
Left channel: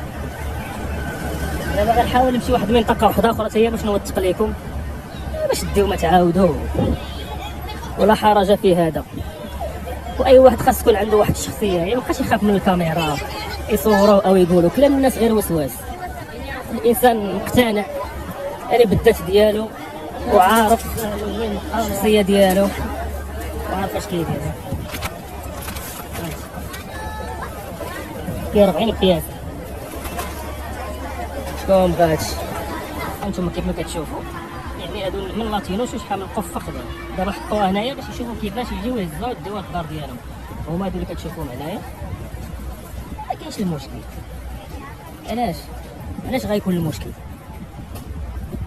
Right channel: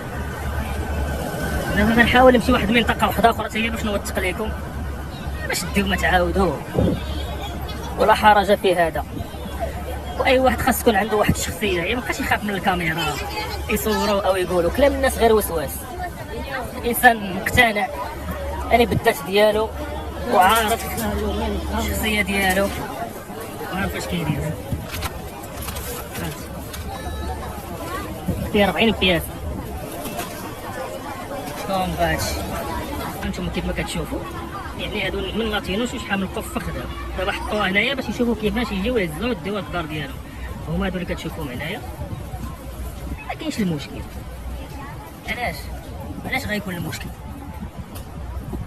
دابا غنحاول نمشي واحد المنطقه واحده اخرى حتى هي باش نوثق لكم، باش ديو ما تعاودوا ولا حرج في هذا. واي واحد خاص يكون عنده واحد الشخصيه، هي مابقاش يخاف من الكاميرا يصوروا او يقولوا كلام الناس غير وسواس. الانسان مقتنع اللي بالذات ديالو وعارف الشخصيه ديالو وعارف اش كيدير. فيه 40 بياس. شكون بغا هادشي؟ هانتوما كيف ما كتشوفوا، يعني هادو من لاتينوس وشحال من قفه خدام. دابا حطوها هنايا باش يشوفوا كيفاش يجيو يهزوها يديوها للدار ديالهم. هما هادو اللي كتشوفوهم هنايا، ما كاينش المشكل. علاش غيكون المشكل؟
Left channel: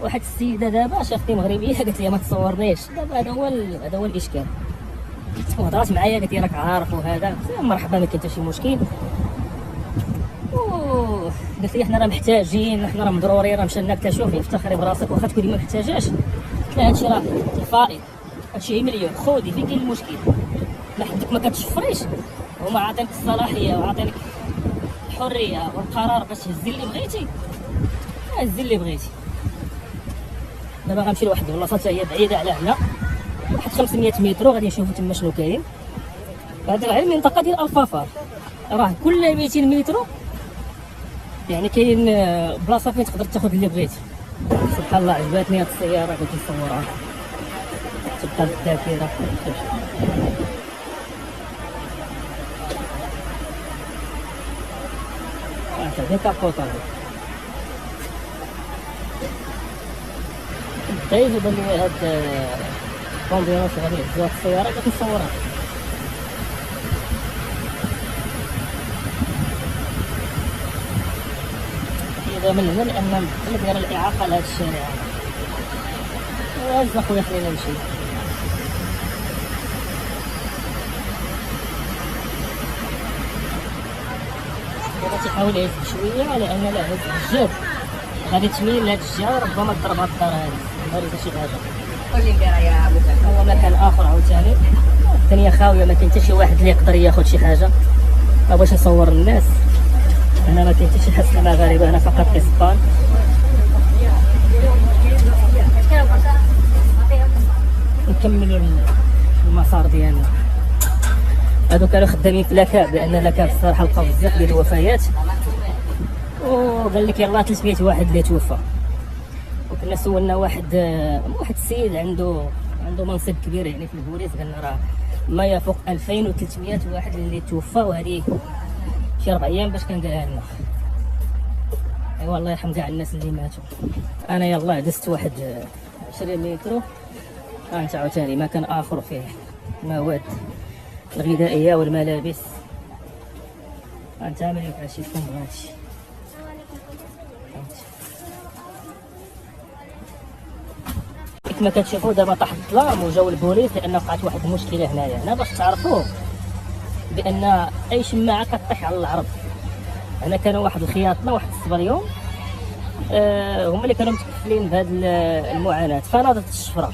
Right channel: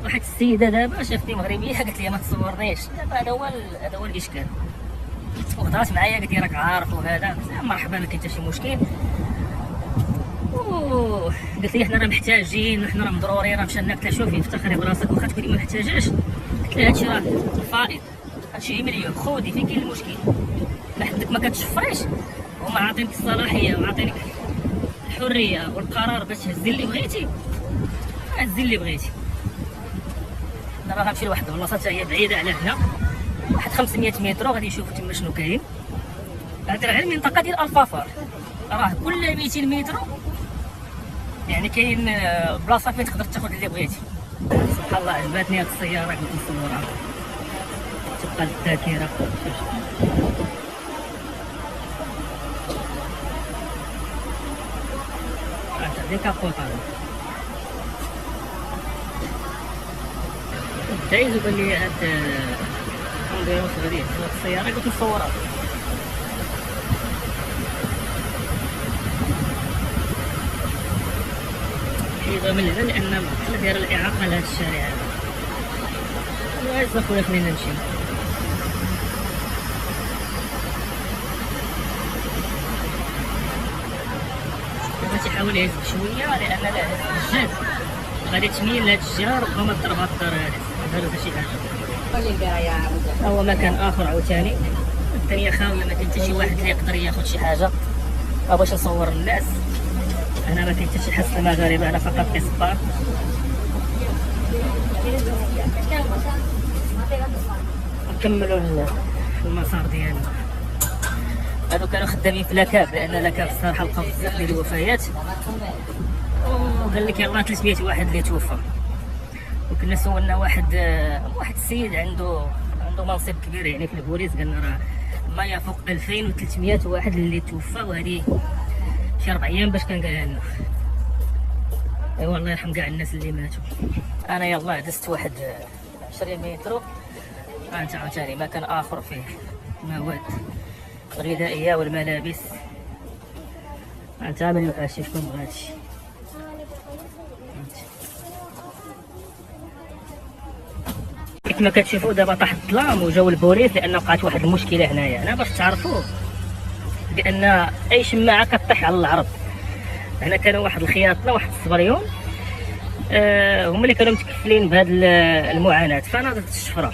واحد السيده دابا شافتني مغربيه قالت لي ما تصورنيش. دابا هذا هو الاشكال. وهضرات معايا قالت لي راك عارف وهذا مرحبا، ما كاين حتى شي مشكل. قلت لي حنا راه محتاجين، حنا راه ضروري، راه مشى لنا. قلت لها شوفي افتخري براسك واخا تكوني ما محتاجاش. قلت لها هادشي راه فائض، هادشي مليون، خودي فين كاين المشكل؟ لحدك ما كتشفريش، هما عاطينك الصلاحيه وعاطينك الحريه والقرار باش تهزي اللي بغيتي، هزي اللي بغيتي. دابا غنمشي لواحد البلاصه حتى هي بعيده على هنا، واحد 500 متر، غادي نشوفوا تما شنو كاين. هذا على المنطقه ديال الفافار، راه كل 200 متر يعني كاين بلاصه فين تقدر تاخذ اللي بغيتي. سبحان الله عجباتني هاد السياره، قلت نصورها تبقى الذاكره. هذه كابوطه، حتى يجيب لي هاد كومبيروس غادي في السياره اللي كنصورها. حيدها من هنا لان دايره الاعاقه لهاد الشارع هذا. واش اخويا خلينا نمشي. تيحاول يعيش شويه لان لا هاد الجهد غادي تميل لهاد الجهه ربما تضرب هاد الدار هادي ولا شي حاجه. هو مكان اخر عاوتاني الدنيا خاويه ما كاين حتى شي واحد اللي يقدر ياخذ شي حاجه. ما بغيتش نصور الناس انا ما كاين حتى شي حس المغاربه هنا فقط اسبان. نكملوا المسار ديالنا. هادو كانوا خدامين في لاكاب لان لاكاب الصراحه لقاو بزاف ديال الوفيات وقال لك يلاه 300 واحد اللي توفى. وكنا سولنا واحد السيد عنده منصب كبير يعني في البوليس قالنا راه ما يفوق 2300 واحد اللي توفى وهذه شي 4 ايام باش كان قالها لنا. ايوا الله يرحم كاع الناس اللي ماتوا. انا يلاه دزت واحد 20 متر انت عاوتاني مكان اخر فيه مواد الغذائيه والملابس. انت عامل يوحشي فيكم هادشي. كما كتشوفوا دابا طاح الظلام وجاو البوليس لان وقعت واحد المشكله هنايا باش تعرفوا بان اي شماعه كطيح على العرض. هنا كانوا واحد الخياطنا واحد الصبريون هما اللي كانوا متكفلين بهذه المعاناه. فناضت الشفره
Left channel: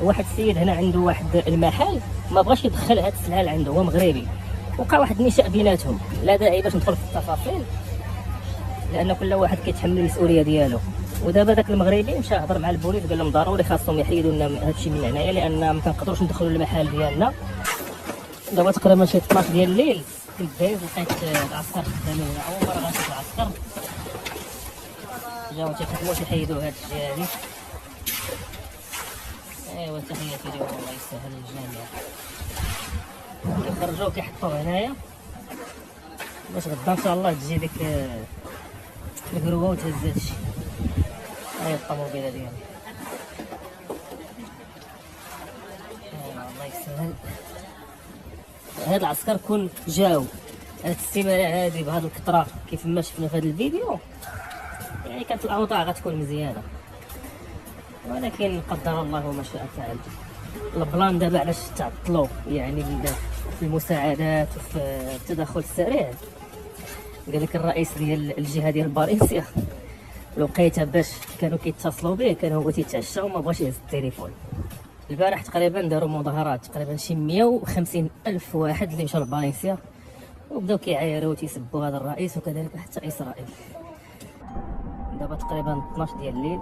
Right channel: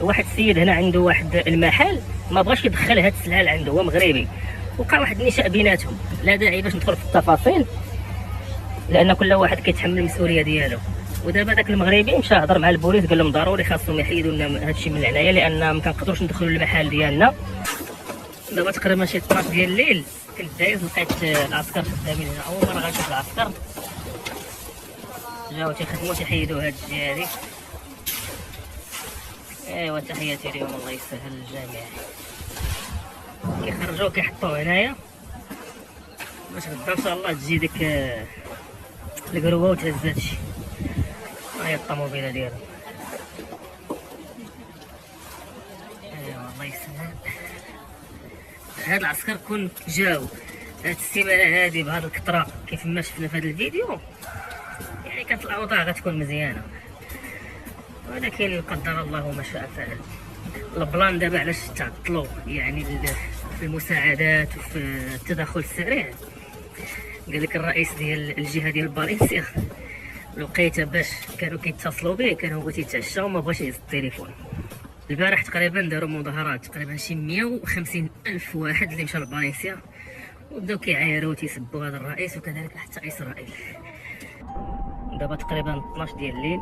واحد السيد هنا عنده واحد المحل ما بغاش يدخل هاد السلعه عنده هو مغربي. وقع واحد النشاء بيناتهم لا داعي باش ندخل في التفاصيل لان كل واحد كيتحمل المسؤوليه ديالو. ودابا داك المغربي مشى هضر مع البوليس قال لهم ضروري خاصهم يحيدوا لنا هادشي من هنايا لان ما كنقدروش ندخلوا للمحل ديالنا. دابا تقريبا شي 12 ديال الليل كنت دايز لقيت العسكر خدامين هنا. اول مره غنشوف العسكر جاو تيخدموا تيحيدوا هاد الجهه هادي. ايوا تحياتي لهم الله يسهل الجميع. كيخرجوا كيحطوه هنايا باش غدا ان شاء الله تجي ديك القروه وتهز هادشي. هاي الطوموبيله ديالو. ايوا الله يسهل. هاد العسكر كون جاو هاد السيمانه هادي بهاد الكثره كيف ما شفنا في هاد الفيديو يعني كانت الاوضاع غتكون مزيانه ولكن قدر الله ما شاء فعل. البلان دابا علاش تعطلوا يعني في المساعدات وفي التدخل السريع. قال لك الرئيس ديال الجهه ديال فالنسيا لقيتها باش كانوا كيتصلوا به كان هو تيتعشى وما بغاش يهز التليفون. البارح تقريبا داروا مظاهرات تقريبا شي 150 ألف واحد اللي مشى لفالنسيا وبداو كيعايروا وتيسبوا هذا الرئيس وكذلك حتى اسرائيل. دابا تقريبا 12 ديال الليل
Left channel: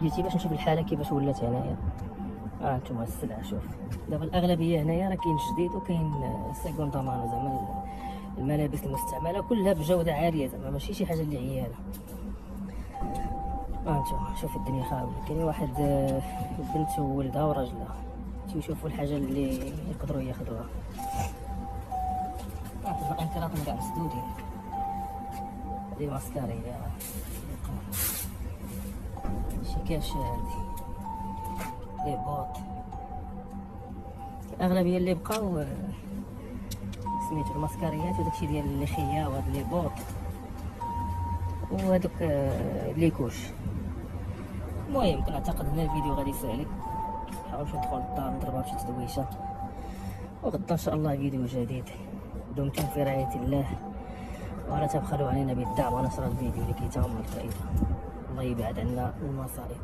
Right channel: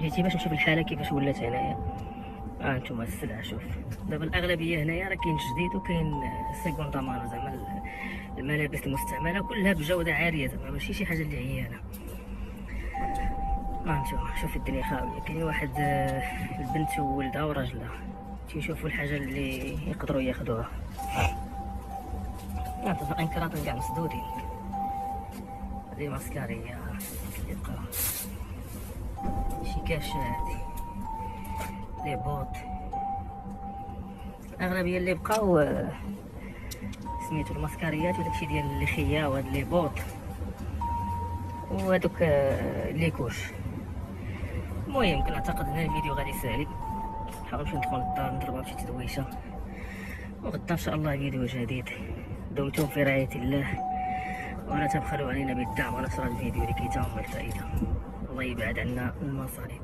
جيتي باش نشوف الحاله كيفاش ولات هنايا. انتم السلعه شوف دابا الاغلبيه هنايا راه كاين جديد وكاين سيكوندا مانو زعما الملابس المستعمله كلها بجوده عاليه زعما ماشي شي حاجه اللي عيانه. انتم شوف الدنيا خاويه. كاين واحد البنت وولدها وراجلها تيشوفوا الحاجه اللي يقدروا ياخذوها. باقيين كراطن كاع مسدودين. هذه ماسكاريه شي كاش هادي لي بوط. الاغلبيه اللي بقاو سميتو الماسكاريات وداكشي ديال اللخيه وهاد لي بوط وهادوك لي كوش. المهم كنعتقد هذا الفيديو غادي يسالي. نحاول ندخل للدار نضربها بشي تدويشه وغدا ان شاء الله فيديو جديد. دمتم في رعايه الله ولا تبخلوا علينا بالدعم ونشر الفيديو لكي تعم الفائده. الله يبعد عنا المصاريف.